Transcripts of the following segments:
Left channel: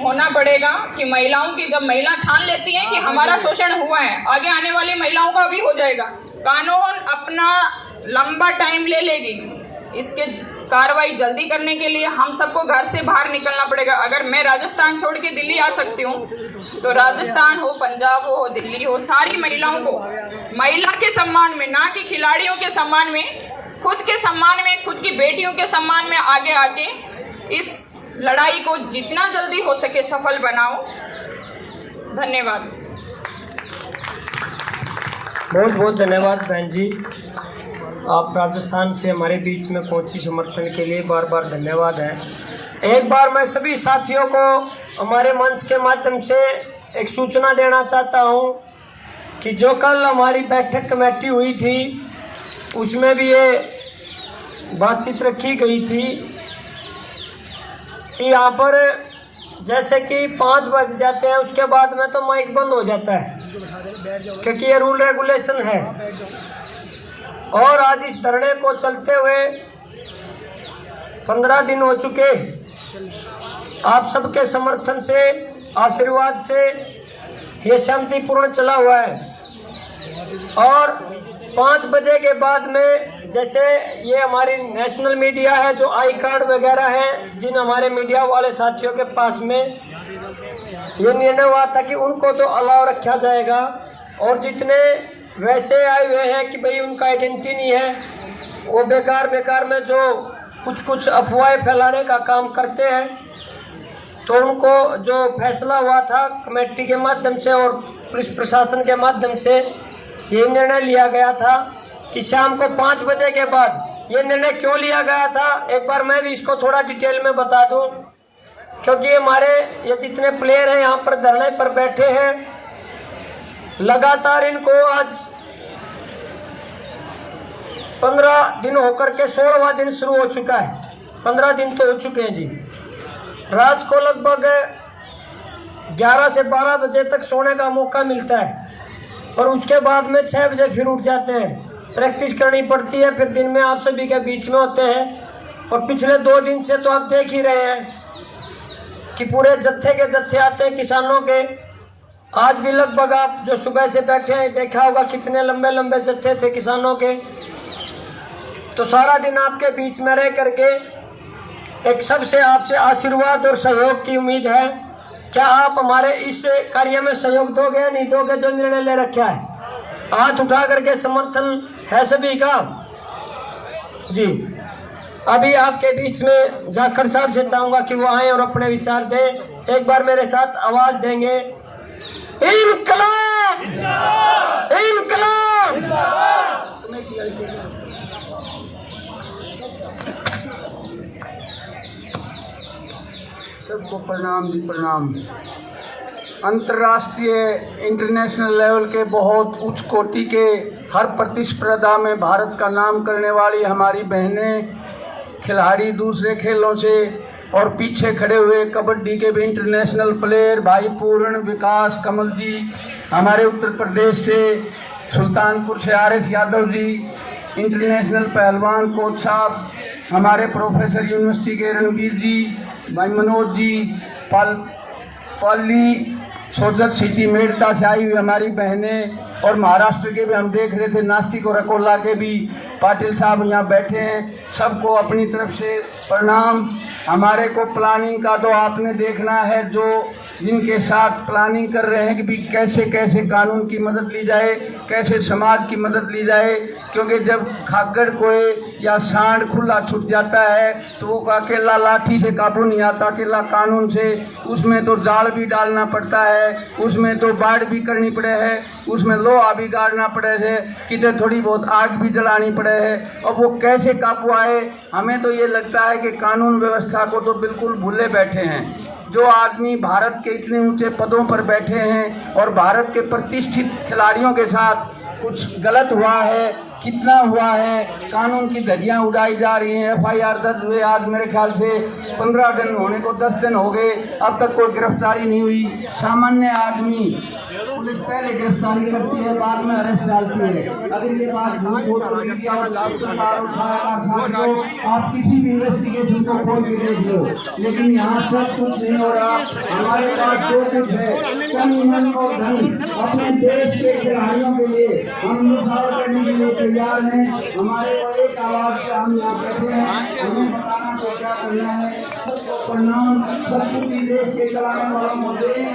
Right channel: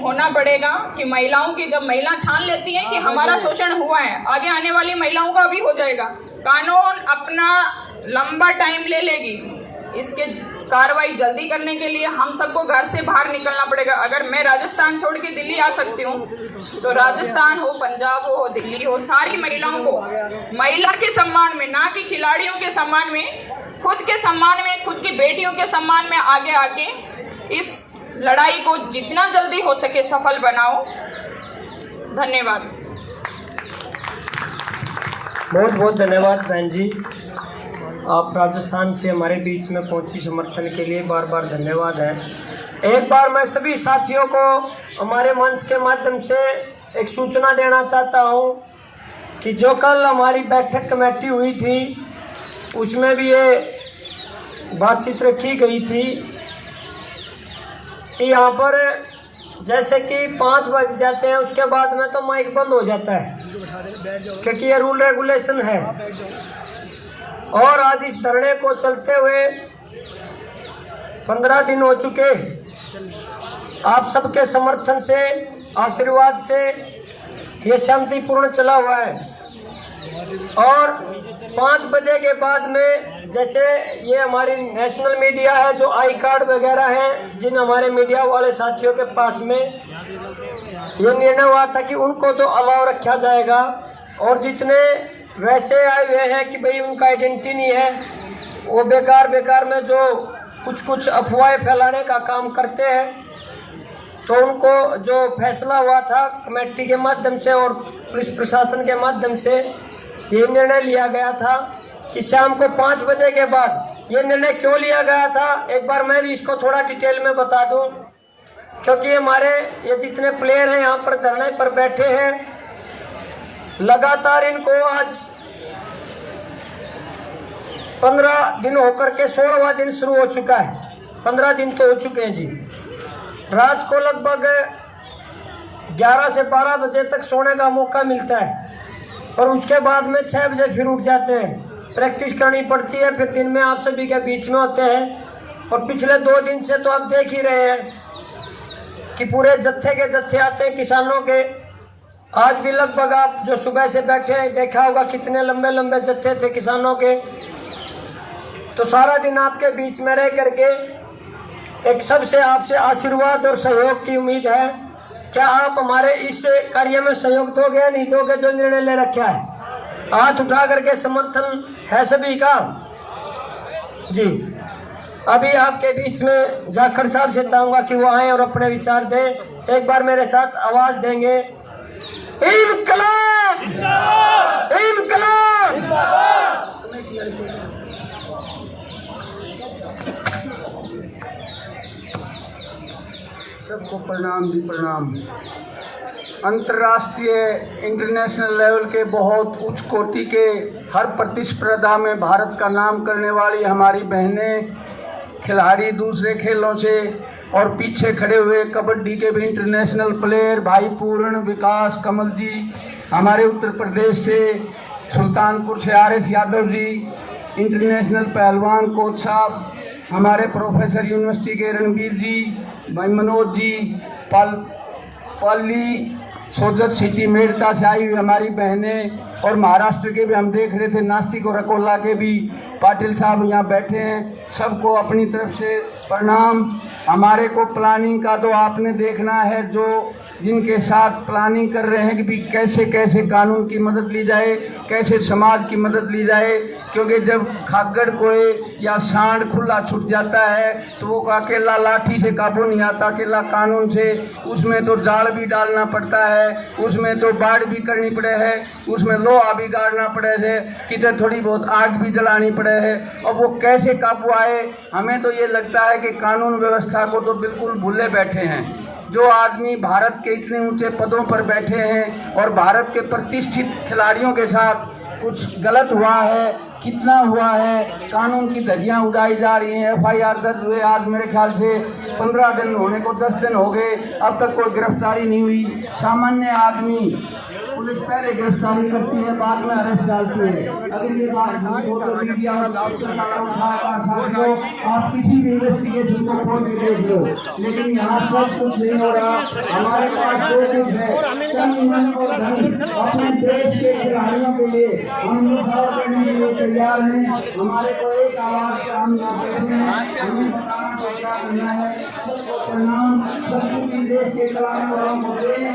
होना पड़ेगा कि महिलाओं की, जब महिला ठान लेती है कि हमारा शोषण हुआ है, आगे आने वाली महिलाओं को भी हो जाएगा। कानून अपना लंबा टाइम ले लेगी, इसके कार्रवाई जल्दी करने के लिए हम सबको घर से बाहर निकलना पड़ेगा। अगर मैं राजस्थान छोड़ के दिल्ली आ सकती हूँ, तो राजस्थान हो, पंजाब हो, दिल्ली हो, सारी महिलाओं को महिला के सम्मान में, ना कि खिलाड़ियों के सम्मान में, खुद के सम्मान में, खुद की बेटियों के सम्मान में आगे आके इस लड़ाई को जितना जल्दी हो सके सफल बनाओ। धन्यवाद। बहुत बहुत धन्यवाद बहन जी, आप राजस्थान से हमारे बीच में पहुंची, समर्थन के लिए बार बार धन्यवाद है। एक बार मैं सभी साथियों को हमारे मंच के माध्यम से एक सूचना देना चाहता हूं कि जो कल हमारी बैठक कमेटी हुई थी उसमें भी ये बातचीत रखी गई थी कि यहाँ पर जैसे कि 5 बज जाते हैं उसके बाद में तो माइक बंद हो जाता है, क्योंकि ये रूल रेगुलेशन है। और आज इस धरने को चलते हुए 15 दिन हो चुके, आप सबके समर्थन से, आशीर्वाद से ये शांतिपूर्ण चला हुआ है। और 5 बजे के बाद में जैसे ये हमारी नेशनल मीडिया है, जो आई कार्ड वगैरह है, जिन हमारे मीडिया वाले साथियों के पास में ये निर्णय हुआ था कि उनको तो अलाव रखा जाएगा, और जितने वैसे आए हुए हैं कि भाई उनका आइडेंटिटी नहीं है, वो बेकार में जो कुछ अफवाहें फैलाने का काम करते हैं, तो उनको जो फैसला हुआ था कमेटी के माध्यम से और पुलिस प्रशासन के माध्यम से ये निर्णय लिया गया था कि शाम को 5 बजे के बाद। ये निर्णय क्यों लिया गया था, एक बार मैं भी इसको थोड़ा डिटेल में बता दूं, क्योंकि हमारे ये जितने प्लेयर हैं यहाँ पर धरने पर बैठे हैं, लगातार इनको आज 15 दिन होकर के 16वां दिन शुरू हो चुका है। 15 दिन तो हो चुके हैं जी। रात को लगभग 11 से 12 बजे तक सोने का मौका मिलता है, और उसके बाद में 6 बजे फिर उठ जाते हैं, प्रैक्टिस करनी पड़ती है, फिर दिन में आप सभी के बीच में होते हैं। और पिछले 2 दिन से तो आप देख ही रहे हैं कि पूरे जत्थे के जत्थे आते हैं किसानों के। आज भी लगभग आप जो सुबह से बैठे हैं देखा होगा कितने लंबे लंबे जत्थे थे किसानों के। तो सारा दिन आपके बीच में रह करके एक सबसे आपसे आशीर्वाद और सहयोग की उम्मीद है। क्या आप हमारे इस कार्य में सहयोग दोगे या नहीं दोगे, जो निर्णय ले रखा है? हाथ उठा करके समर्थन है सभी का जी। अभी आपके बीच में जाखड़ साहब से चाहूंगा कि वो आए और अपने विचार दें। एक बार मेरे साथ आवाज देंगे, इनकलाब इनकलाब। सबको प्रणाम जी, प्रणाम। अंतर्राष्ट्रीय इंटरनेशनल लेवल के बहुत उच्च कोटि के हर प्रतिस्पर्धा में भारत का नाम करने वाली हमारी बहनें, खिलाड़ी दूसरे खेलों से, और पीछे खड़े हुए कबड्डी के भी इंटरनेशनल प्लेयर भाई पूर्ण, विकास, कमल जी, हमारे उत्तर प्रदेश से सुल्तानपुर से RS यादव जी, इंटरनेशनल पहलवान कोच साहब, हमारे प्रोफेसर यूनिवर्सिटी के रणवीर जी, भाई मनोज जी, पाली सोजत सिटी मेड़ता से आई हुई हमारी बहनें, और महाराष्ट्र के भी हम देख रहे थे, नासिक और अकोला के भी पाटिल साहब यहाँ बैठे हैं। सबको अपनी तरफ से प्रणाम। हमारे को प्लानिंग का तो आपने देखना है, जो जिनके साथ प्लानिंग कर रहे हैं कि भी कैसे कैसे कानून की मदद ली जाए, कैसे समाज की मदद ली जाए, क्योंकि जब खागड़ कोई या सांड खुला छूट जाता है तो वो अकेला लाठी से काबू नहीं आता, अकेला कानून से। उसमें तो जाल भी डालना पड़ता है, उसमें तो बाढ़ भी करनी पड़े है, उसमें लोहा भी गाड़ना पड़े है, किधर थोड़ी बहुत आग भी जलानी पड़े है, और वो कैसे काबू आए। हमें तो ये लगता है कि कानून व्यवस्था को तो बिल्कुल भूले बैठे हैं। जो आदमी भारत के इतने ऊंचे पदों पर बैठे हैं और भारत के प्रतिष्ठित खिलाड़ियों के साथ कुछ गलत हुआ है, कितना हुआ है, कानून की धज्जियां उड़ाई जा रही हैं। FIR दर्ज हुए आज मेरे ख्याल से 15 दिन होने को 10 दिन हो गए, अब तक कोई गिरफ्तारी नहीं हुई। सामान्य आदमी पुलिस पहले गिरफ्तारी करती है, बाद में अरेस्ट डालती है। अगर ये बात झूठ हो तो मीडिया आप किसी भी इन्वेस्टिगेशन को खोल के देख लो, लेकिन यहाँ सब कुछ नहीं हो रहा। हमारे पास जो कुछ है अपने देश के खिलाड़ियों के लिए हम मुसाफिर करने के लिए तैयार हैं। हमारे को एक आवाज पे हम करना है। प्रणाम सबको देश के खिलाड़ियों वालों को देने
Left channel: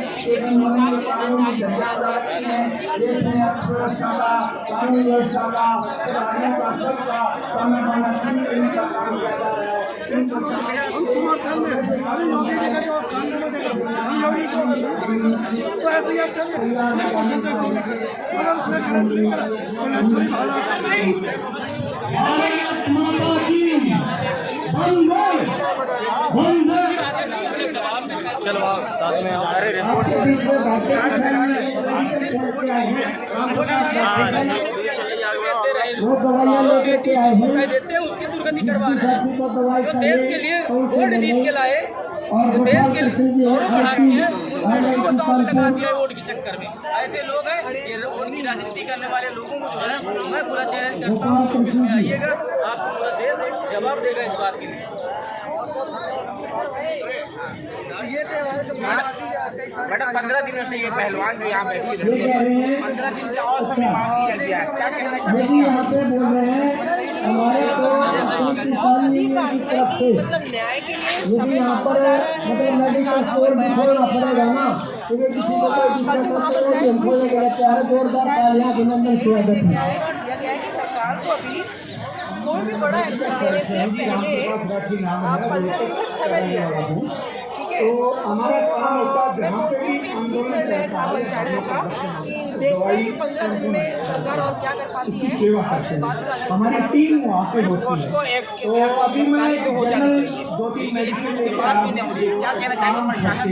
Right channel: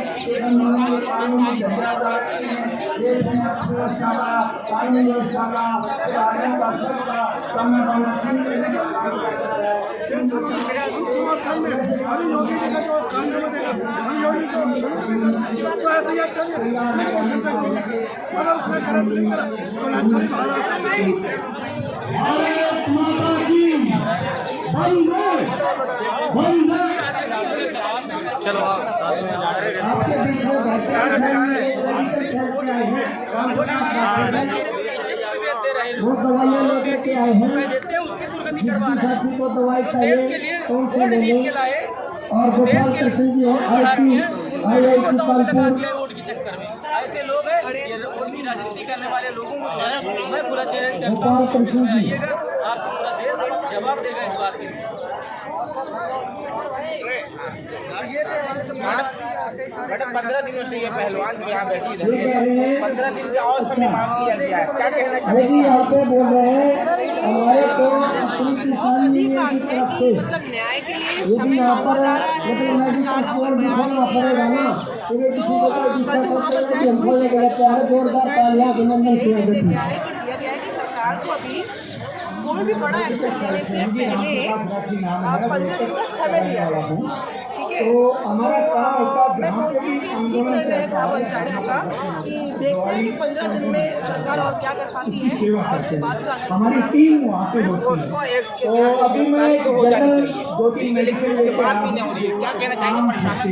देश में अर्थव्यवस्था का, कानून व्यवस्था का, खिलाड़ियों का सबका समर्थन में अभी योगी जी का जो कारनामा देगा, हम योगी को जरूर देगा। तो ऐसे ही एक्शन पुलिस मोशन पे नहीं करते, अगर उसने गलत नहीं करा तो नेचुरली बाहर आ सकते हैं। चलो आप साथ में वो दवाइयाँ लेके के आए हैं, देते हैं उसकी दुर्गति करवा रहे हैं। जो देश के लिए वोट जीत के लाए, और जो देश के लिए और बढ़ा रही है, उनको दांव पे लगा दिया है वोट के चक्कर में। ऐसे लोग हैं, ये वोट की राजनीति करने वाले लोगों को जो है मैं पूरा चैलेंज करता हूँ कि इसमें आइएगा, आपको पूरा देश जवाब देगा इस बात के लिए। मैडम 15 दिनों से ये पहलवान जो यहाँ बैठी है 15 दिन से और समय मांग किया गया है, क्या कहना चाहिए? यहाँ पे बोल रहे हैं बहुत अजीब बात है कि मतलब न्याय के लिए समय मांगा जा रहा है, सरकार का कोई बयान ही नहीं आ रहा है। तो कल जो महापंचायत हुई पंचायत में दिया गया है कि सरकार को अभी कोई भी बड़ा एक्शन लेने से पहले 15 दिन का समय दिया है, ठीक है। तो मैं बोलती हूँ कि ठीक निर्णय है ग्राम पंचायतों का कि देखते हैं कि 15 दिन में सरकार और क्या कर पाती है और उसके बाद उसको एक गिरफ्तारी तो हो जानी चाहिए, लेकिन उसके बाद भी नहीं हो रही है। क्या कहना चाहिए प्रशासन?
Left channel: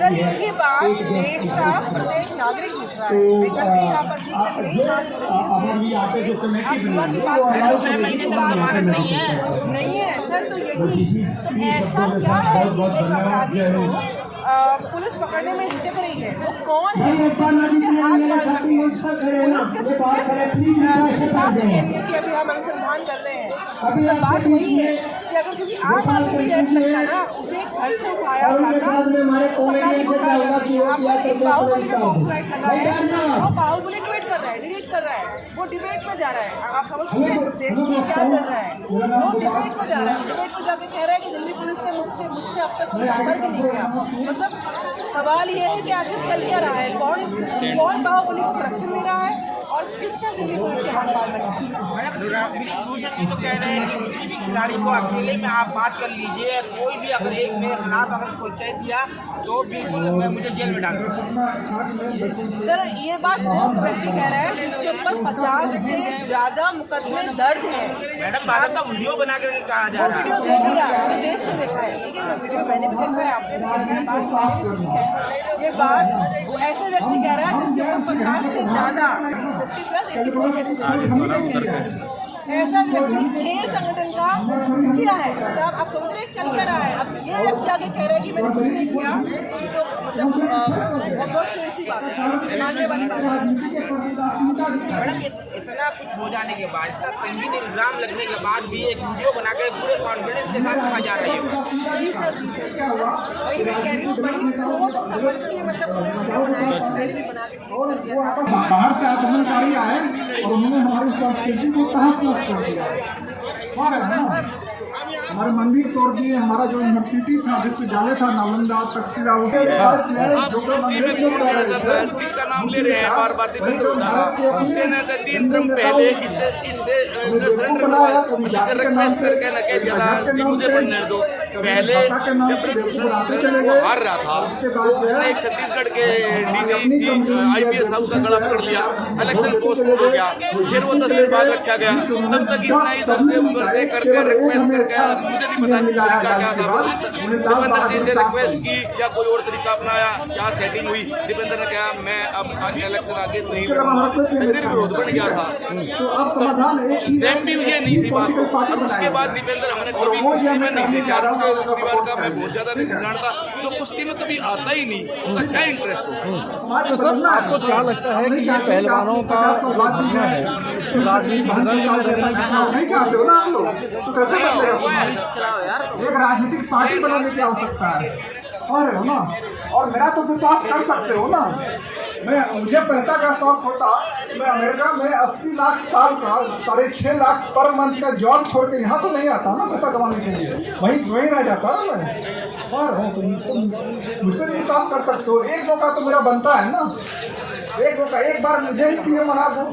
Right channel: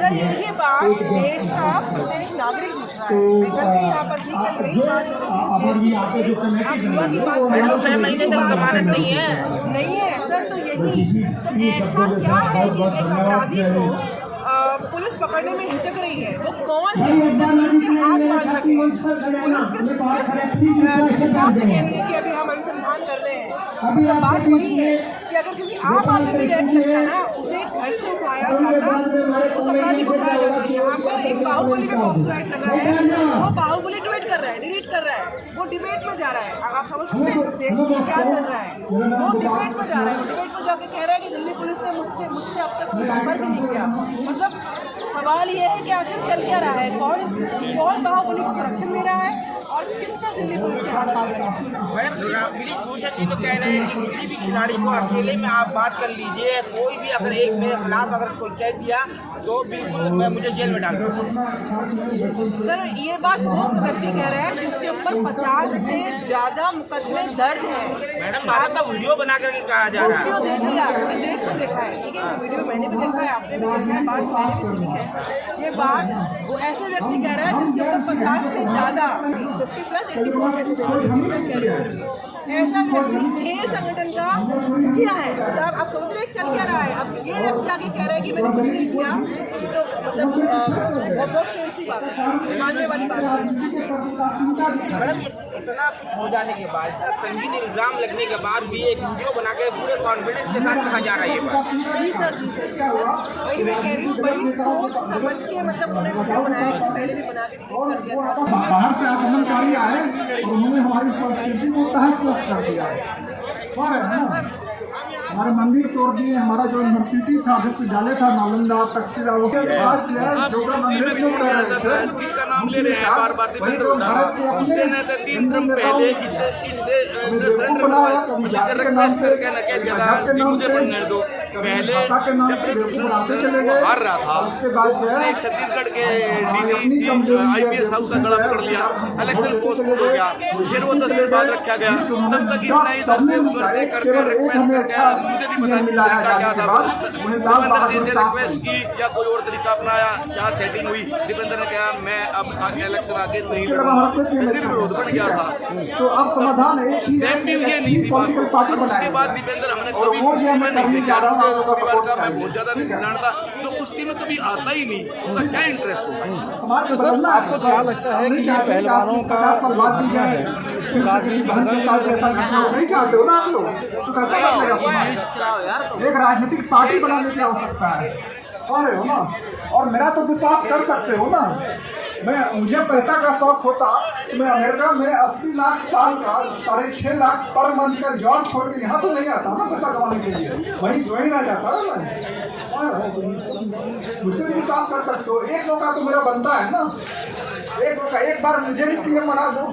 सर यही बात देश का प्रत्येक नागरिक पूछ रहा है। मैं कल भी यहाँ पर थी, कल यही बात हो रही है। आप युवा की बात कर रहे हो, नहीं है सर। तो यही तो ऐसा क्या है कि एक अपराधी को पुलिस पकड़ने में हिचक रही है? वो कौन है जिसके हाथ बांध रखे हैं? पुलिस साफ कह रही है कि अभी हम अनुसंधान कर रहे हैं। मतलब बात वही है कि अगर किसी आम आदमी भी लेट सकता ना, उसे घर से उठाया जाता, उस अपराधी को उठाया जाता। यहाँ पर एक बाहुबली में पॉक्सो एक्ट लगा है, वो बाहुबली ट्वीट कर रहा है, डिलीट कर रहा है, वो डिबेट में जा रहा है। आप समझ सकते हैं देश में क्या चल रहा है? वो डिबेट में जा रहा है, वो डिबेट में जाके कह रहा है कि दिल्ली पुलिस ने मुझसे अब तक कोई संपर्क नहीं किया। मतलब सवाल ये है कि आखिर चल क्या रहा है? कौन बाहुबली को संरक्षण दे रहा है और किसने दिल्ली पुलिस के हाथ बांध रखा है? मैडम तो कह रहे हैं कि किसी भी खिलाड़ी को अकेले में आप बात कर लीजिए, कोई भी अगर एक मेरे खिलाफ अगर कोई कह दिया तो भी मैं मुझे जेल में डाल दूँगा। सर ये बात वो व्यक्ति कह रहा है जिसके ऊपर 50 से ज़्यादा मुकदमे दर्ज हैं। मैडम आप तो वीडियो बना करके कहा जा वो रहा है। वीडियो देख लिया, पूरे देश में देखा है, ठीक है। वो वीडियो मैंने भी देखा है, आपने भी देखा है, बात मैंने भी सुनी है। ये बात वो ऐसे व्यक्ति कह रहा है जिसके ऊपर 50 से ज़्यादा 50+ 84 ऐसा व्यक्ति खेल संगठन का मुखिया है। मतलब आप समझ रहे हैं चल क्या रहा है? अब ये व्यक्ति आगे कह रहा है कि मैंने कुछ नहीं किया, तो मतलब बहुत सी बात है, मानने वाली बात है। मैडम इतना कुछ हो जाने के बाद, इतना संगीन इल्जाम लगने के बाद भी एक वीडियो बनाकर पूरे कॉन्फिडेंस के साथ कहा जा रहा है। जी सर वही मैं कह रही हूँ, बड़ी सोच समझ के मतलब उन्होंने वीडियो बनाया है, पहले भी बना के डिलीट कर दिया था। बाहर से आक्रमणकारी आए और उन्होंने हमारी संस्कृति को तहस कर दिया है ना। हमारे मंदिर तोड़ दिए, हमारा जो यूनिवर्सिटी था, विश्वविद्यालय था, नालंदा तक्षशिला, आप बस्ती में कौन ऐसा था जिसका नाम ले रहे हैं बार बार दीपेंद्र हुड्डा? उससे न 3 टर्म पहले इससे सरेंडर करवा, इससे रिक्वेस्ट करके न कह दिया था कि मुझे पढ़ने दो। पहले जब ब्रिजभूषण वो हार रहा था तो उसने एक छत्तीसगढ़ के डीजी IPS था उसका गला पकड़ लिया, इलेक्शन पोस्टपोन हो गया, फिर वो 10 दिन बाद रखा गया। तब तक इसने इधर से उधर से करके रिक्वेस्ट करके, मुझे नहीं पता तरीका क्या था, दीपेंद्र जी से रिक्वेस्ट की या कोई और तरीका अपनाया, क्या सेटिंग हुई। दीपेंद्र ने कहा मैं अब इलेक्शन आगे नहीं लड़ूंगा, निर्विरोध बन गया था। तो अब समाधान है, टाइम भी ये नहीं थी बात। और उसके बाद दीपेंद्र हमने कभी कुश्ती में नहीं देखा, परिवार का मैं बहुत ज्यादा नहीं जानता, जो कुश्ती में कभी आता ही नहीं, उसका क्या इंटरेस्ट होगा। तो सर आपको क्या लगता है कि पहलवानों का जो है राजनीतिक नहीं चाहते हो ना आप लोग, तो कैसे कर एक राजनीतिक पार्टी बनाने की आवश्यकता है हो ना। और मेरा तो विश्वास कर सकते हो ना, मुझे पैसा का शौक होता मैं अमेरिका में 80 लाख साल का 6.5 लाख पर मंथ का जॉब छोड़ के यहाँ तो नहीं आता ना पैसा कमाने के लिए, वहीं वहीं रह जाता ना मैं। तुम मुझे भी विश्वास कर सकते हो, एक मौका तो मेरा बनता है ना, एक मौका, एक बार मुझे भी PM बना दो,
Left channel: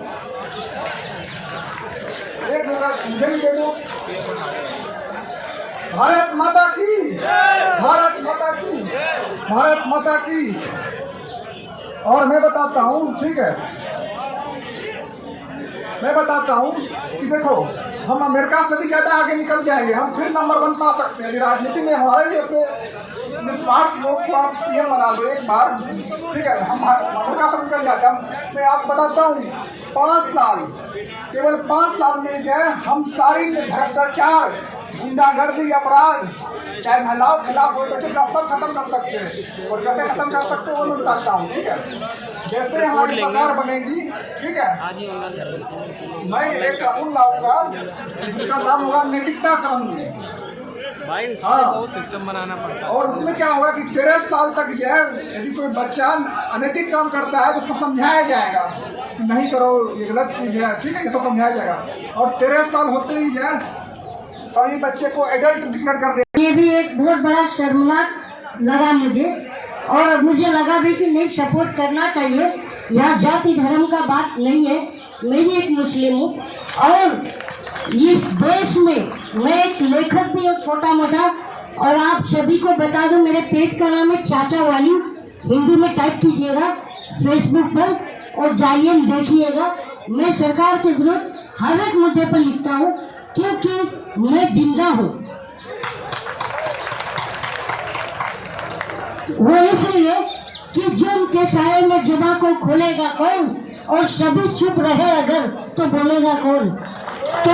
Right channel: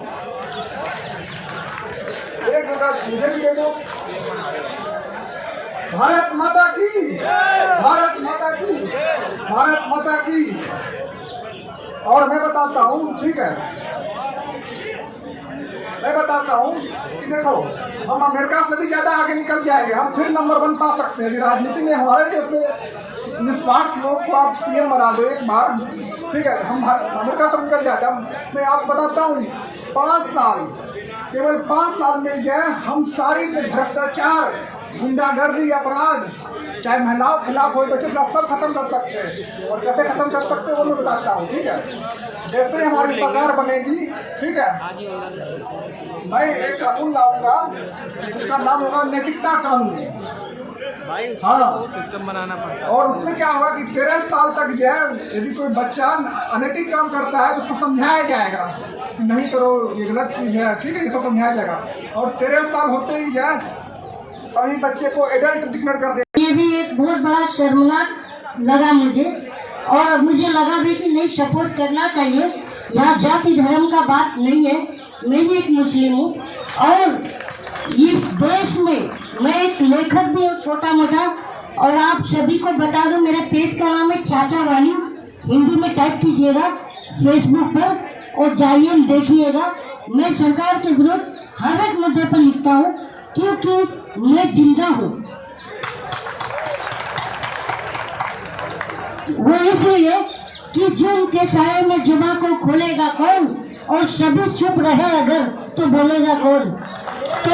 एक मौका मुझे भी दे दो। भारत माता की, भारत माता की, भारत माता की। और मैं बताता हूँ, ठीक है, मैं बताता हूँ कि देखो हम अमेरिका से भी ज्यादा आगे निकल जाएंगे, हम फिर नंबर 1 पा सकते हैं। राजनीति में हमारे जैसे निस्वार्थ लोग को आप PM बना दो एक बार, ठीक है, हम अमेरिका से निकल जाते हैं। मैं आपको बताता हूँ 5 साल, केवल 5 साल में जो है हम सारी भ्रष्टाचार, गुंडागर्दी, अपराध, चाहे महिलाओं के खिलाफ हो, बच्चे खिलाफ, सब खत्म कर सकते हैं। और कैसे खत्म कर सकते हैं वो मैं बताता हूँ, ठीक है। जैसे हमारी सरकार बनेगी, ठीक है, मैं एक कानून लाऊंगा जिसका नाम होगा नैतिकता कानून। हाँ, सिस्टम बनाना पड़ता है। और उसमें क्या होगा कि 13 साल तक जो है यदि कोई बच्चा अनैतिक काम करता है तो उसको समझाया जाएगा कि नहीं करो, ये गलत चीज है, ठीक है, इसको समझाया जाएगा। और 13 साल होते ही जो है सभी बच्चे को एडल्ट डिक्लेयर कर दे। ये भी एक बहुत बड़ा शर्मनाक लगा मुझे, और मुझे लगा भी कि नहीं, सपोर्ट करना चाहिए। यहाँ जाति धर्म का बात नहीं है, मैं भी एक मुस्लिम हूँ और इस देश में मैं एक लेखक भी हूँ छोटा मोटा। और आप सभी को बता दूं, मेरे पेज का नाम है चाचा वाली, हिंदी में टाइप कीजिएगा फेसबुक पर और जाइए देखिएगा। मैं सरकार के विरुद्ध हर एक मुद्दे पर लिखता हूँ क्योंकि मैं जिंदा हूँ। वो इसलिए कि जो उनके साये में जुबा को खोलेगा कौन, और सभी चुप रहे अगर तो बोलेगा कौन। तो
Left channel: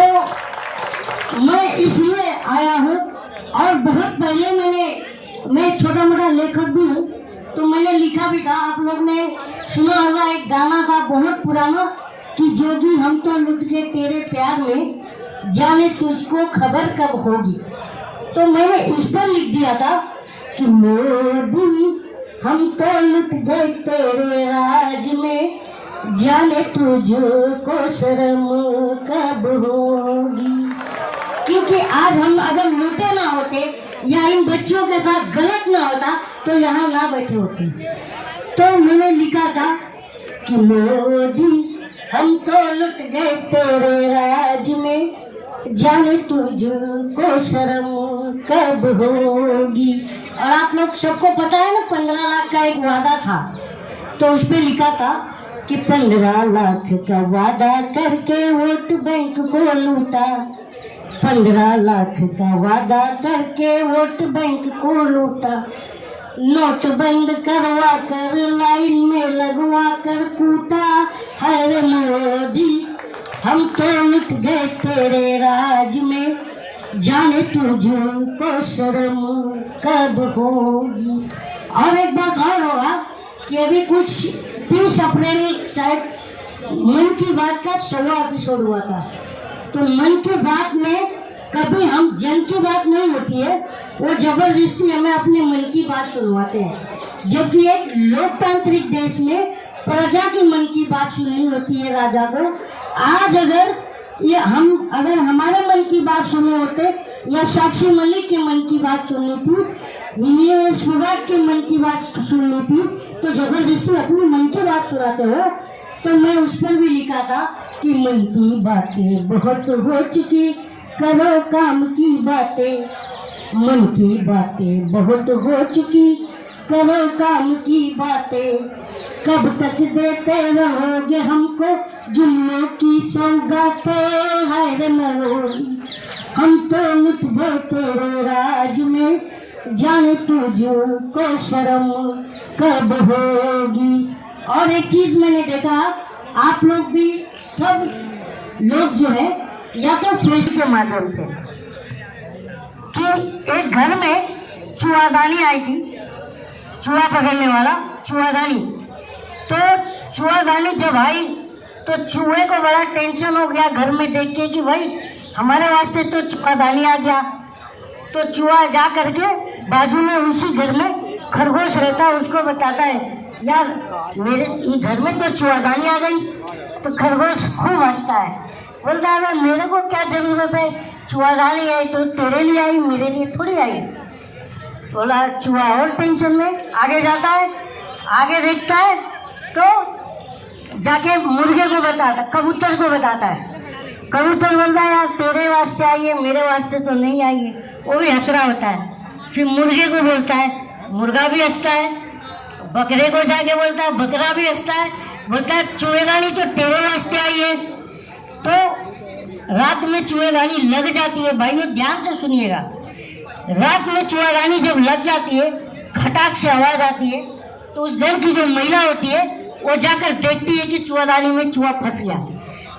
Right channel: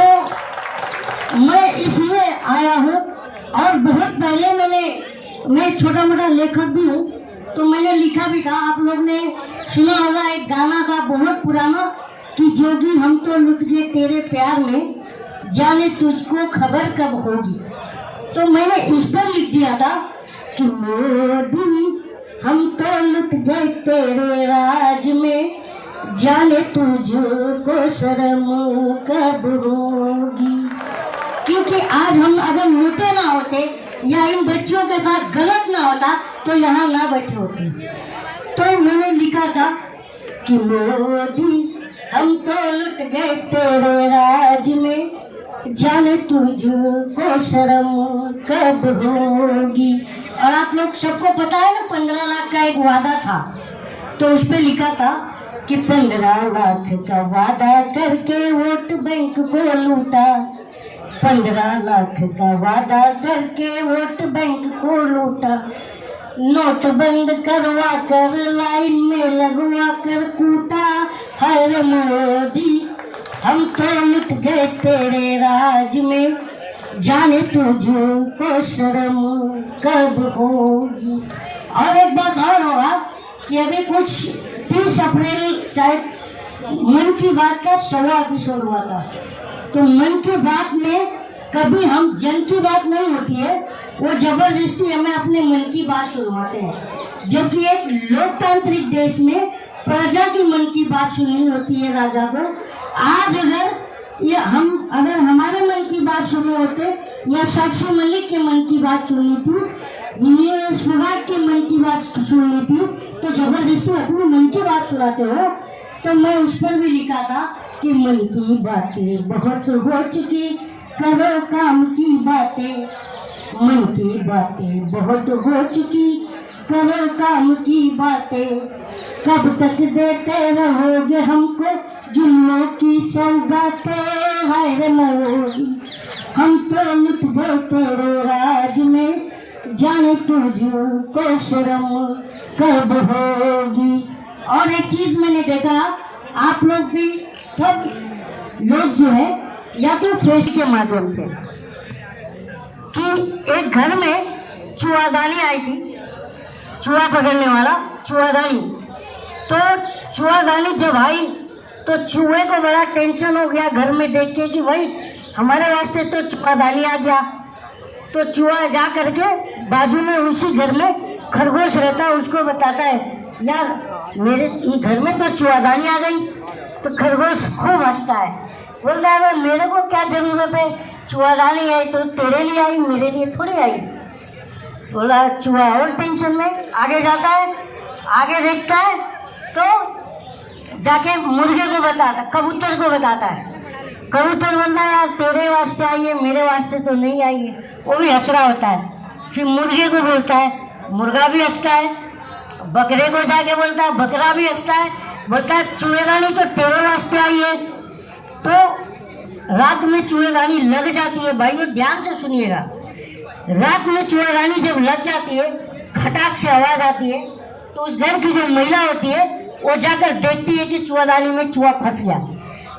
मैं इसलिए आया हूँ। और बहुत पहले मैं छोटा मोटा लेखक भी हूँ, तो मैंने लिखा भी था, आप लोग ने सुना होगा, एक गाना था बहुत पुराना कि जोगी हम तो लुट गए तेरे प्यार में, जाने तुझको खबर कब होगी। तो मैंने इस पर लिख दिया था कि मोदी हम तो लुट गए तेरे राज में, जाने तुझको शर्म कब होगी। क्योंकि आज हम अगर लूटे ना होते या इन बच्चों के साथ गलत ना होता तो यहाँ ना बैठे होते। तो मैंने लिखा था कि मोदी हम तो लुट गए तेरे राज में, जाने तुझको शर्म कब होगी। और आप लोग सबको पता है ना, 15 लाख का एक वादा था, तो उस पे लिखा था कि 15 लाख का वादा करके वोट बैंक को लूटा, 15 लाख का वादा करके वोट बैंक को लूटा, नोट बंद करवा कर लाइन में लगवा कर कूटा, हर मोदी हम तो लुट गए तेरे राज में, जाने तुझको शर्म कब होगी। और एक बात और होगा कि अभी कुछ 30 अप्रैल शायद मन की बात का 16वां एपिसोड हुआ था। तो मन की बात में कभी हम जन की बात नहीं होती है, वो जबरदस्ती हमें अपने मन की बात सुनवाते हैं। जबकि एक लोकतांत्रिक देश में प्रजा की मन की बात सुननी होती है राजा को। आज अगर हमारे मन की बात सुने होते या साक्षी मलिक के मन की बात सुननी थी, विनय फोगाट के मन की बात सुननी थी, तो जबरदस्ती अपने मन की बात सुनाते हो। तो मैं उस पर भी लिखा था कि मन की बातें बहुत हो चुकी, करो काम की बातें, मन की बातें बहुत हो चुकी, करो काम की बातें, कब तक देते रहोगे हमको जुम्मों की सौगातें, हाय रे मोरी हम तो लुट गए तेरे राज में, जाने तुझको शर्म कब होगी। और एक चीज मैंने देखा, आप लोग भी सब लोग जो है या तो फेस के माध्यम से कि एक घर में चूहादानी आई थी, चूहा पकड़ने वाला चूहादानी, तो चूहादानी जब आई तो चूहे को बड़ा टेंशन हो गया घर में देख के कि भाई हमारे रास्ते तो चूहादानी आ गया। तो चूहा जा करके बाजू में उसी घर में खरगोश रहता है, उसको बताता है यार मेरे घर में तो चूहादानी आ गई। तो खरगोश खूब हंसता है, बोलता है मेरे को क्या जरूरत है, चूहादानी आई तो तेरे लिए आई, मेरे लिए थोड़ी आई। बोला चूहा और टेंशन में आगे जाता है, आगे देखता है तो जाके मुर्गे को बताता है, कबूतर को बताता है। कबूतर बोलता है यार तेरे वास्ते आई है, मेरे वास्ते तो नहीं आई है। वो भी हंस रहा होता है। फिर मुर्गे को बोलता है, मुर्गा भी हंसता है। बकरे को जाके बोलता है, बकरा भी हंसता है, बोलता है चूहेदानी तो तेरे वास्ते आई है। तो रात में चूहेदानी लग जाती है, भाई ध्यान से सुनिएगा। रात में चूहेदानी जब लग जाती है, खटाक से आवाज आती है, तो उस घर की जो महिला होती है वो जाकर देखती है कि चूहेदानी में चूहा फंस गया।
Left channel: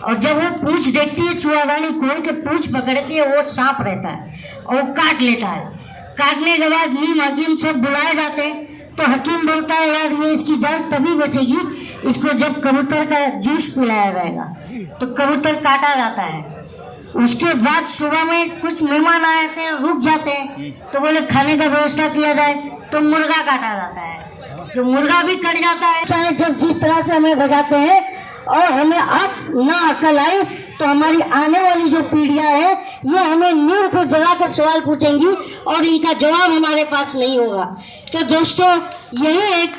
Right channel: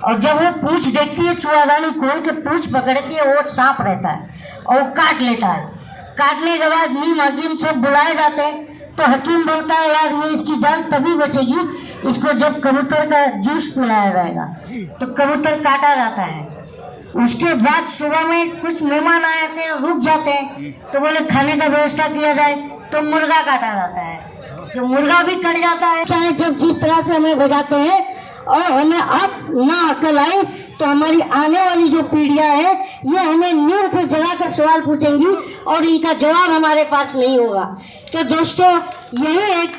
और जब वो पूंछ देखती है, चूहादानी खोल के पूंछ पकड़ती है, वो सांप रहता है और वो काट लेता है। काटने के बाद नीम हकीम से बुलाए जाते हैं, तो हकीम बोलता है यार ये इसकी जान तभी बचेगी इसको जब कबूतर का जूस पिलाया जाएगा। तो कबूतर काटा जाता है। उसके बाद सुबह में कुछ मेहमान आए थे, रुक जाते हैं, तो बोले खाने का व्यवस्था किया जाए, तो मुर्गा काटा जाता है। तो मुर्गा भी कट जाता है। चाहे जब जिस तरह से हमें बजाते हैं और हमें अब ना अकल आए तो हमारी आने वाली जो पीढ़ियां हैं ये हमें नींद को जगा कर सवाल पूछेंगी और इनका जवाब हमारे पास नहीं होगा। तो दोस्तों यही एक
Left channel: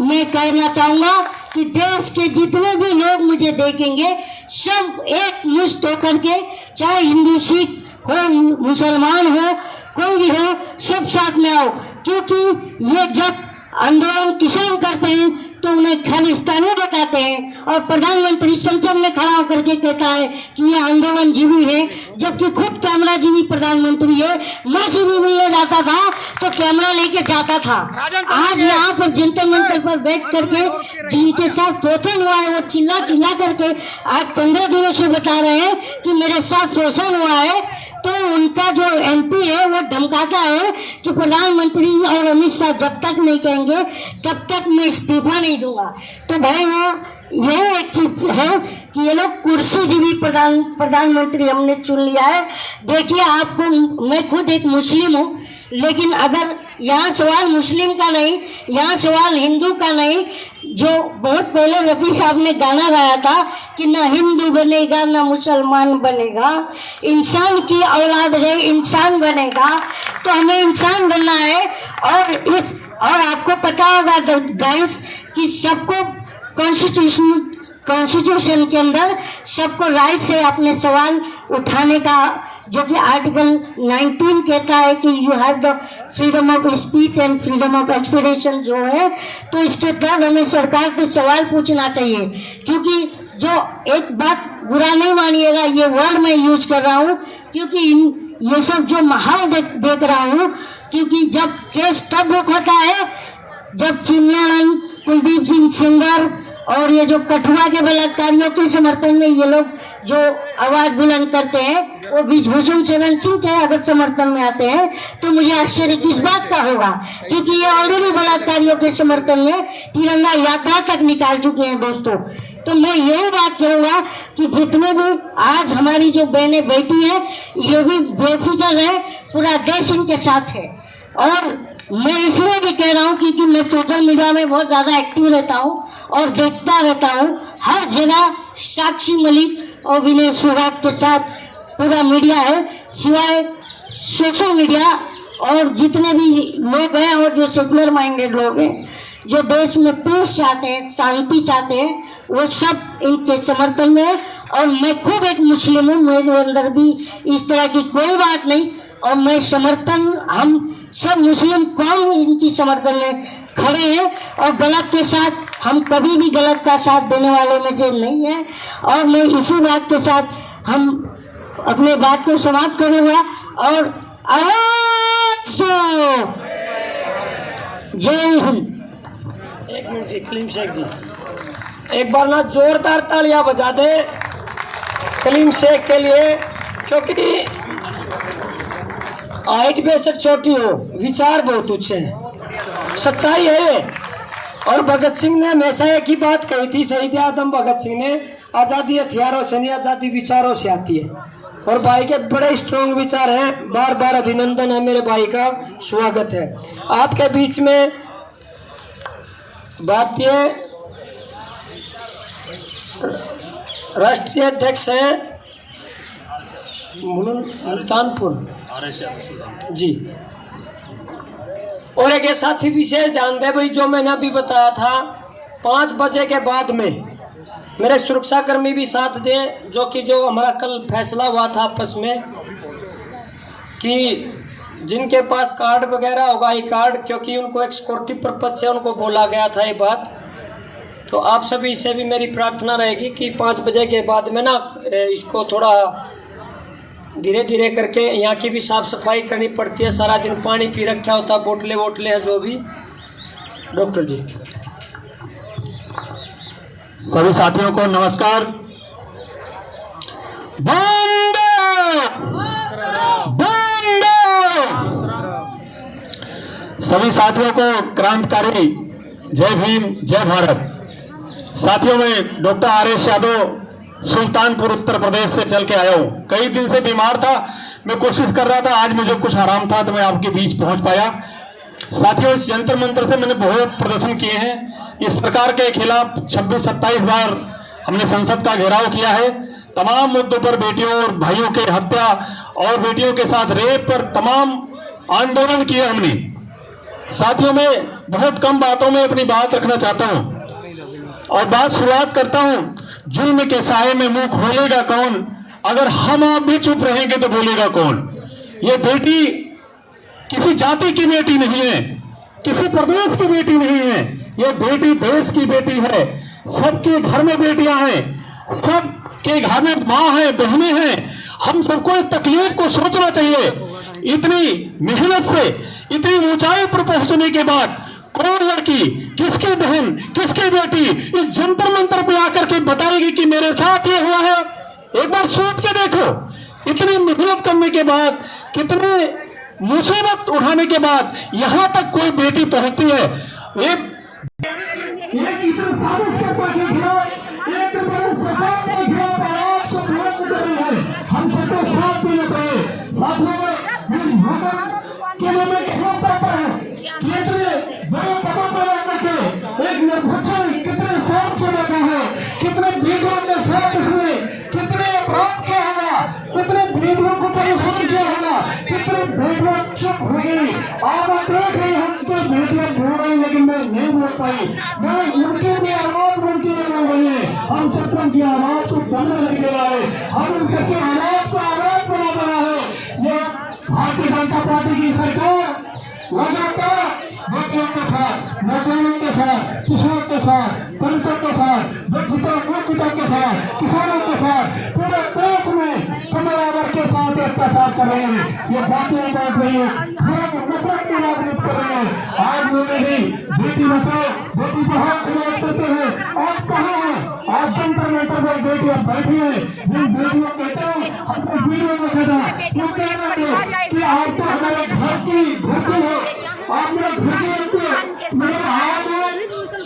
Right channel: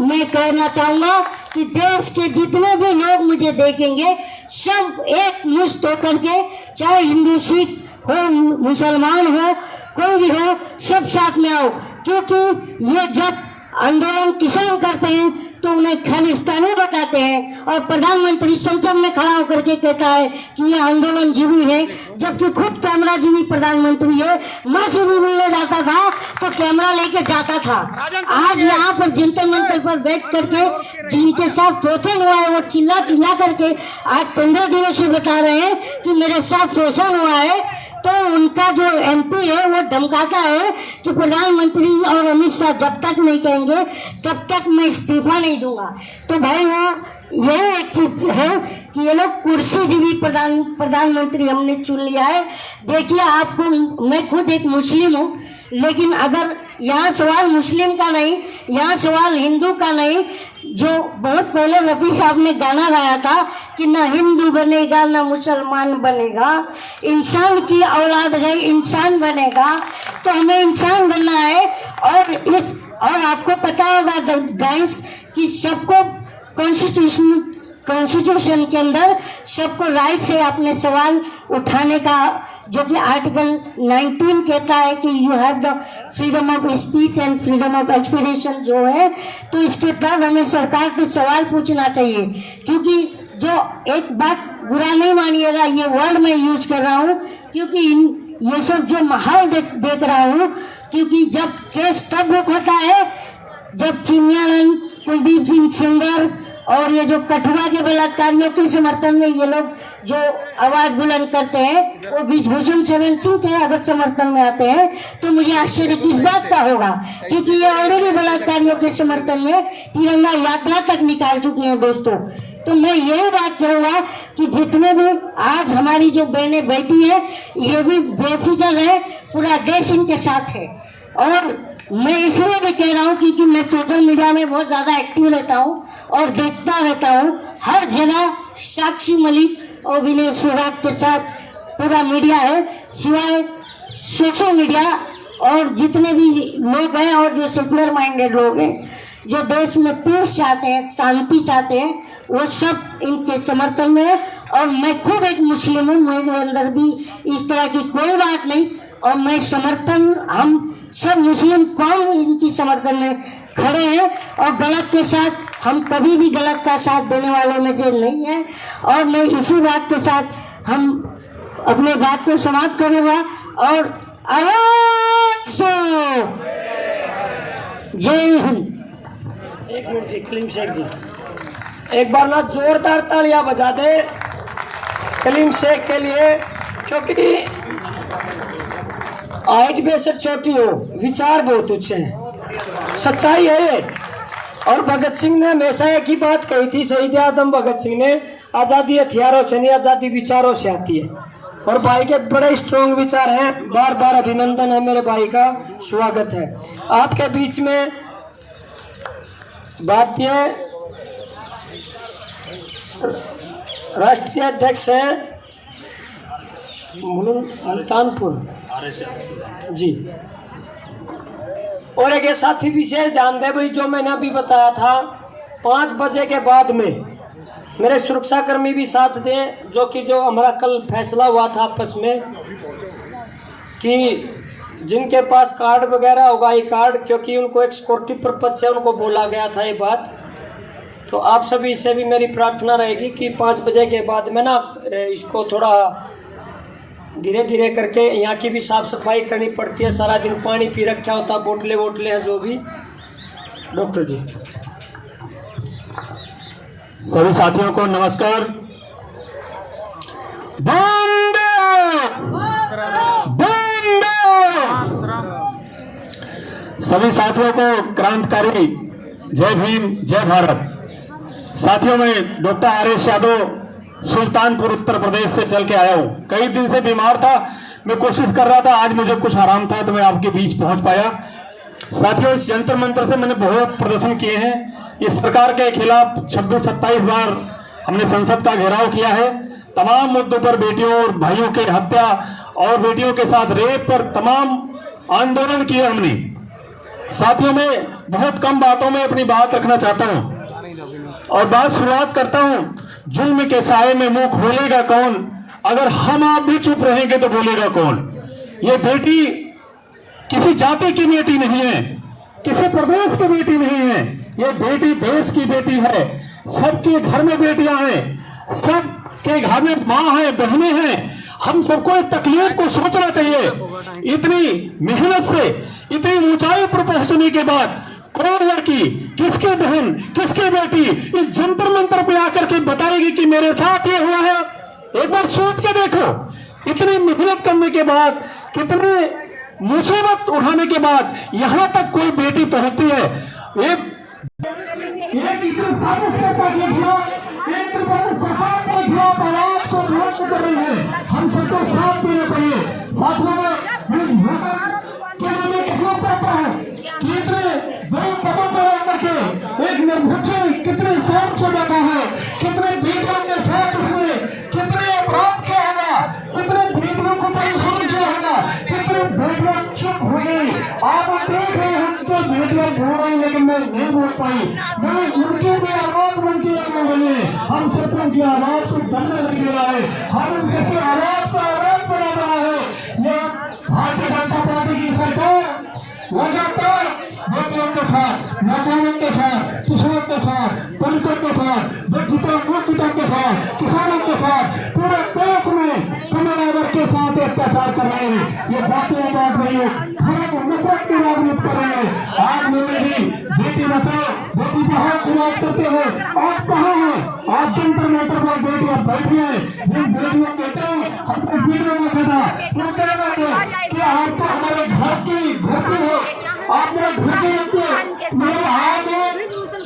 मैं कहना चाहूँगा कि देश के जितने भी लोग मुझे देखेंगे सब एक मुश्त होकर के, चाहे हिंदू सिख हो मुसलमान हो कोई भी हो, सब साथ में आओ। क्योंकि ये जब आंदोलन किसान करते हैं तो उन्हें खालिस्तानी बताते हैं और प्रधानमंत्री संसद में खड़ा होकर के कहता है कि ये आंदोलन जीवी है, जबकि खुद कैमरा जीवी प्रधानमंत्री है। मैं से भी मिलने जाता था तो कैमरा लेके जाता था। आज यहाँ पर जंतर मंतर पर बैठ करके जिनके साथ शोषण हुआ है वो चिल्ला चिल्ला करके आज 15 दिनों से बता रहे हैं कि मेरे साथ शोषण हुआ है। तो उनका जो एमपी है वो धमकाता है कि प्रधानमंत्री और अमित शाह जब तक नहीं कहेंगे तब तक मैं इस्तीफा नहीं दूंगा। तो भाई वो यही एक चीज है कि ये लोग कुर्सी जीवी प्रधानमंत्री हमने चुन लिया है। देखिए आपको, मैं खुद एक मुस्लिम हूँ, लेकिन अगर यहाँ सवाल मुस्लिम का नहीं, यहाँ सवाल हिंदू का नहीं। जो बहुत पहले रफी साहब ने गाना गाया था कि ना हिंदू बनेगा ना मुसलमान बनेगा, इंसान की औलाद है इंसान बनेगा। तो हमें इंसान बनना है। और आपको पता होगा गाइस कि सबको कॉन्स्टिट्यूशन के अंदर सबको राइट से अपने सवाल उठाने का, जो कि आर्टिकल 19 कहता है कि you have the freedom of speech and freedom of expression जो है। तो इसके तहत हमें सरकार से सवाल पूछना चाहिए। क्योंकि जो एक बात बुरा नहीं मानिएगा, ये वर्ड मैं यूज कर रहा हूँ क्योंकि ये सब जो माहौल देख रहा हूँ, क्योंकि जब केस तब रुक होता है जब चिन्मयानंद, कुलदीप सिंह सेंगर और ये जो कठुआ के बलात्कारियों के समर्थन में ये लोग जो आवाज बुलंद करते हैं वो ब्रिजभूषण शरण सिंह के अगर समर्थन में आते हैं तो मुझे आश्चर्य किस बात का होगा, क्योंकि ये ऑलरेडी बलात्कारियों के समर्थन में तिरंगा यात्रा तक निकाल चुके हैं। दोस्तों तो मैं यही बात करूंगा कि जितने भी आज हमारी जो बहनें बैठी है ये भी बेफिक्र है, पूरा देश इनके साथ है। और मैं इसलिए भी कह रहा हूँ क्योंकि मैं सोशल मीडिया में बहुत ज़्यादा एक्टिव रहता हूँ और देखता रहता हूँ हर जगह साक्षी मलिक और विनय फोगाट के साथ पूरा मीडिया है, सिवाय सोशल मीडिया और जितने भी लोग हैं और जो सेकुलर माइंडेड लोग हैं जो देश में पीस चाहते हैं, शांति चाहते हैं, वो सब इनके समर्थन में है। और मैं खुद एक मुस्लिम हूँ, मेरे अंदर भी इस तरह की कोई बात नहीं। और मैं समर्थन, हम सब मुस्लिम कौम इनकी समर्थन में खड़े हैं और गलत के साथ हम कभी भी गलत का साथ देने वालों में से नहीं है। और मैं इसी बात के साथ हम अपने बात को समाप्त करूंगा और जय हिंद। एक मिनट से कलीम शेख जी एक बार ना जोरदार तालियां बजा दे कलीम शेख के लिए, क्योंकि हाइट बेशक छोटी हो, विचार बहुत ऊंचे हैं, सच्चाई है ये। और भगत सिंह ने हमेशा एक ही बात कही थी, शहीद आजम भगत सिंह ने, आज़ादी हथियारों से नहीं, आज़ादी विचारों से आती है। और भाई के बड़े स्ट्रॉन्ग विचार हैं, बार बार अभिनंदन है, मेरे भाई का स्वागत है। आपके बीच में भारतीय राष्ट्रीय अध्यक्ष हैं मुल्तानपुर जी, और एक साथी विशेष ध्यान दे भाई, जो मैंने अभी बताया था 5 बजे के बाद में मेरे सुरक्षाकर्मी भी साथ दे, जो हमारा कल फैसला हुआ था आपस में कि जिनके पास कार्ड वगैरह होगा आई कार्ड, क्योंकि उनको एक सिक्योरिटी पर्पज से उनको बोला गया था ये बात। तो आप सभी से भी मेरी प्रार्थना रहेगी कि 5 बजे के बाद में ना इसको थोड़ा धीरे धीरे करके, यहाँ की भी साफ सफाई करनी पड़ती है, सारा दिन पानी पी रखा होता, बोतलें हैं जो भी। डॉक्टर जी, सभी साथियों को नमस्कार। सभी साथियों को क्रांतिकारी जय भीम, जय भारत। साथियों, मैं डॉक्टर आर.एस. यादव सुल्तानपुर उत्तर प्रदेश से चल के आया हूँ। कई दिन से बीमार था, मैं कोशिश कर रहा था, आज मुझे कुछ आराम था तो मैं आपके बीच पहुंच पाया। साथियों, इस जंतर मंतर से मैंने बहुत प्रदर्शन किए हैं। इस सरकार के खिलाफ 26-27 बार हमने संसद का घेराव किया है। तमाम मुद्दों पर, बेटियों और भाइयों के हत्या और बेटियों के साथ रेप पर तमाम आंदोलन किए हमने। साथियों, मैं बहुत कम बातों में अपनी बात रखना चाहता हूं और बात शुरुआत करता हूं। जुल्म के साए में मुंह खोलेगा कौन? अगर हम आप भी चुप रहेंगे तो बोलेगा कौन? ये बेटी किसी जाति की बेटी नहीं है, किसी प्रदेश की बेटी नहीं है, ये बेटी देश की बेटी है। सबके घर में बेटियां हैं, सबके घर में माँ है, बहनें हैं। हम सबको इस तकलीफ को सोचना चाहिए। इतनी मेहनत से इतनी ऊंचाई पर पहुंचने के बाद कौन लड़की, किसकी बहन, किसकी बेटी इस जंतर मंतर पे आकर के बताएगी कि मेरे साथ ये हुआ है? एक बार सोच के देखो। इतनी मेहनत करने के बाद, कितने मुसीबत उठाने के बाद यहाँ तक कोई बेटी पहुंचती है। हम सबको साथ देना चाहिए। एक निर्भर कितने शौक से बैठा है, कितने बेटियों के साथ उसने कितने अपराध किया होगा, कितने बेटियों को परेशान किया होगा, कितने बेटियां चुप हो गई। आप देख रहे हैं कि बेटियां बोल रही, लेकिन मैं नहीं बोल पाई। उनकी भी आवाज उनकी हो गई है। हम सब उनकी आवाज को दबने लग गया है। हम उनकी आवाज को आवाज बना रहा है। ये भारतीय जनता पार्टी की सरकार लगातार बेटियों के साथ, नौजवानों के साथ, किसानों के साथ, दलितों के साथ, वंचितों के साथ, किसानों के साथ, पूरे देश में कमला वर्ग के साथ अत्याचार कर रहे हैं। ये जातीयवाद नहीं है, हम नफरत की राजनीति कर रहे हैं। आज मेरे भी बेटी बचाओ बेटी पढ़ाओ की बात करते हैं। आज कहाँ है? आज जंतर मंतर पर बेटियां बैठी है। जिन बेटियों कहते हैं अपनी बेटियों को कहता, वो कह रहे थे कि आज तो हमारे घर की बेटी है, आप मेरे घर की बेटी, मेरे आज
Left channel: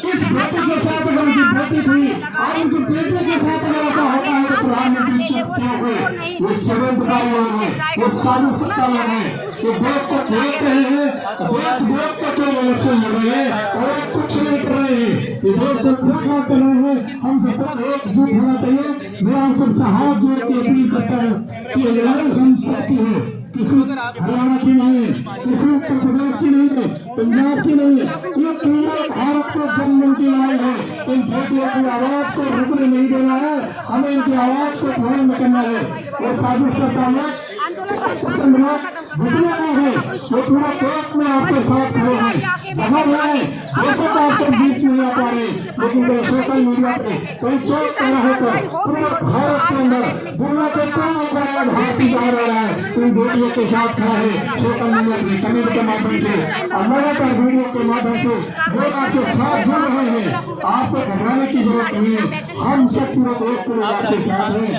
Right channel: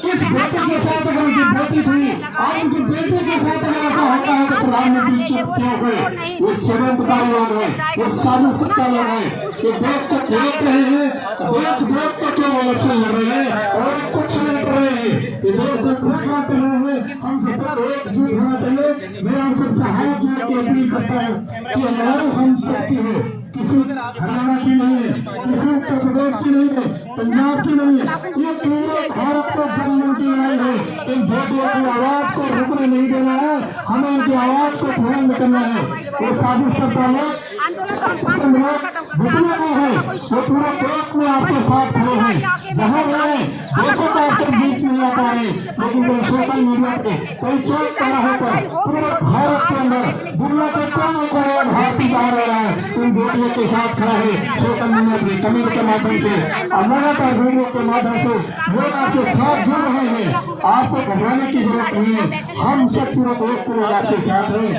किस बेटी के साथ उनकी बेटी थी, आज उनकी बेटी के साथ होता है तो प्रधानमंत्री चुपते हो गए। वो षड्यंत्रकारी लोग हैं, वो साजिश करने लोग हैं, वो देश को देख रहे हैं, देश को क्यों इलेक्शन लड़ रहे हैं और कुछ नहीं कर रहे हैं। ये देश को क्या कर रहे हैं? हम सबको एकजुट होना चाहिए। मैं हम सबसे हाथ जोड़ के अपील करता हूँ कि लड़ाई हम सबकी है, किसी हरियाणा की नहीं है, किसी उत्तर प्रदेश की नहीं है, पंजाब की नहीं है, ये पूरे भारत को जनमन की लड़ाई है। इन बेटियों की आवाज को रुकने नहीं देना है, हमें इनकी आवाज को बुलंद करना है। वो साजिश करता है आंदोलन तो हम 5 जितने मिनट में खत्म करते हैं। लोग हैं वो पूरे देश में आपके साथ खड़े हैं, जहाँ रहे देखो तो आपके बीच में आ पा रहे, लेकिन वो सोशल मीडिया पे कई चेक करा है तो पूरे भारत के अंदर दुनिया के कोने कोने में भारत जा रहा है उन बेटियों के साथ खड़ा है सोशल मीडिया पे कमेंट के माध्यम से और लगातार वीडियो के माध्यम से लोग आपके साथ जुड़ रहे हैं। आपको घबराने की जरूरत नहीं है, हम सब पूरे एक पूरे आपके साथ हैं।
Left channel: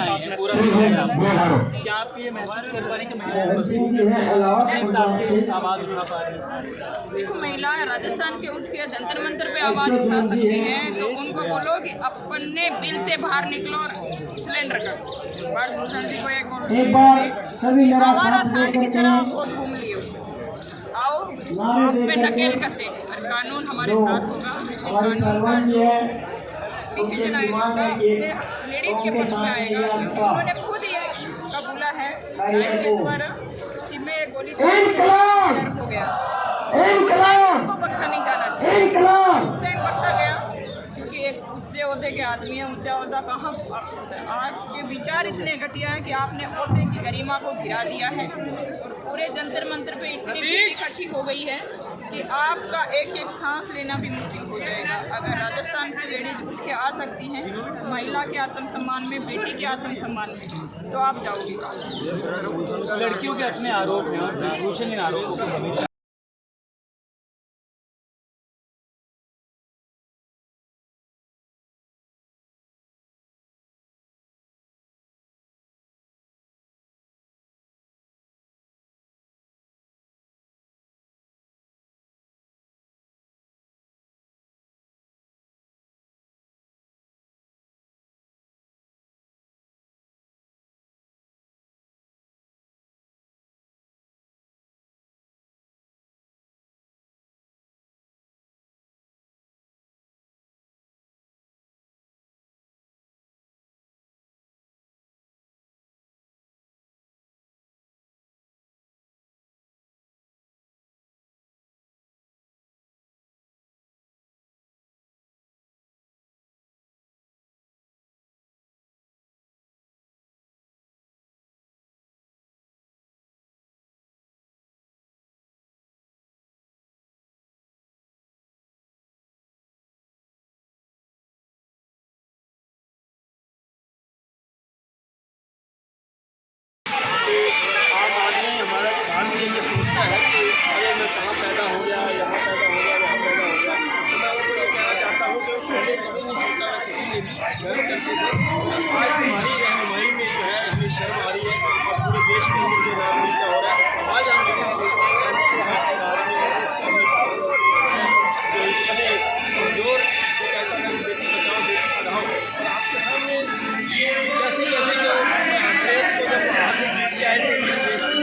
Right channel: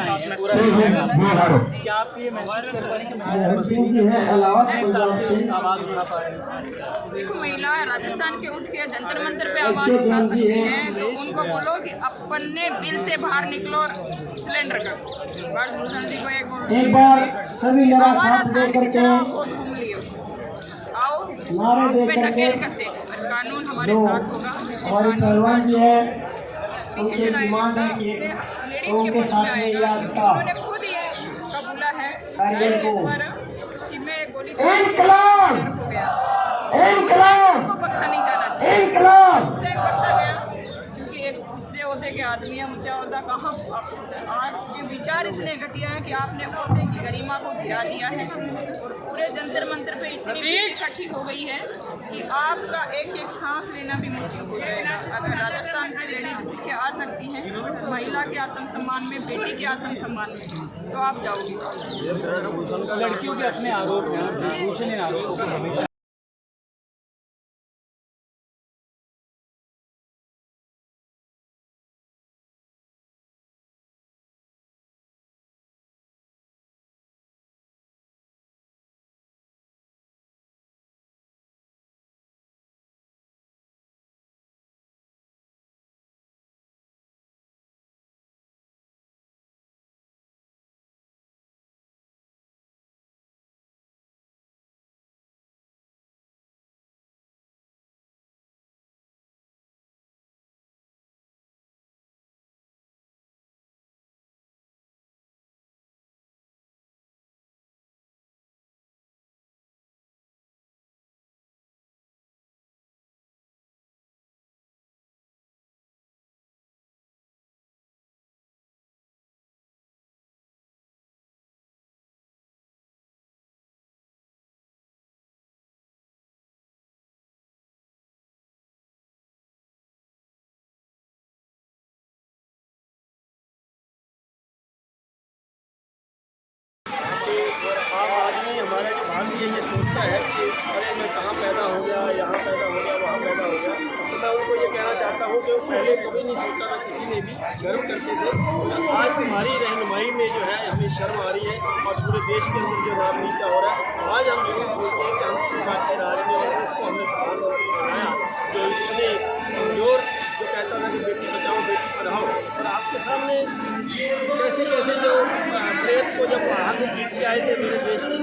क्या आप ये महसूस कर पा रहे हैं कि महिलाएं सिंह जी हैं इलाहाबाद से आवाज उठा पा रही हैं? देखो महिलाएं राजस्थान के उठ के जंतर मंतर पे आवाज उठा सकती हैं, तो उनको बोलो कि अपने बिल से बाहर निकलो और सिलेंडर करो। भारत भूषण जी को एक बार सभी मेरा साथ लेकर के वो घूम लियो, आओ नारे पे देकर ढकेल के कसे और कानून हमारे जो साथ होगा। हमारे पहलवान जी है उनके डिमांड है कि उनके साथ इलाज का उन्होंने खुद ये कबूला है द्वारा कि मैं गोली इनकलाब हो गया, इनकलाब को बख्शा नहीं जाना चाहिए। इनकलाब इसलिए बख्शा गया क्योंकि एक ऊंचे ओहदे के आदमी है, ऊंचा ओहदा कहाँ आपके विचार इतने घटिया हैं कि आपने ओहदे की गरिमा को गिरा दिया है और पूरे जंतर मंतर पे इतनी भीड़ इकट्ठी हो गई है कि आपका एक एक सांस लेना भी मुश्किल हो जाएगा। अगर राजस्थान से लेडीज उठ के आ सकती हैं महिला के आत्मसम्मान में, बेटी के आत्मसम्मान में, तो आप जाओगे। लड़कियों के अपने आरोप हैं और भूषण इन आरोपों को हमेशा आम आदमी हमारा भारतीय ये सोचता है कि अरे मैं कहाँ पैदा हो गया, यहाँ पैदा हो गया, वहाँ पैदा हो गया। तो मैं उनको ये कहना चाहता हूँ कि वो पहले कभी नहीं सोचता था, किसी ने भी गर्व करते थे। आज तुम्हारी रहनुमाई में जो है हमें शर्म आ रही है और पूरे देश के अंदर जो नाम नीचा हो रहा है। आज हम जरूर सोचते हैं कि हम किस बात के बारे में और उसको हमने प्रधानमंत्री बनाया जो इतने कमजोर जो कहता था कि बेटी बचाओ बेटी पढ़ाओ, और आपके सामने कैसे कैसे जो प्रेस को जब बाहर से जीत के आए थे मेरे देश के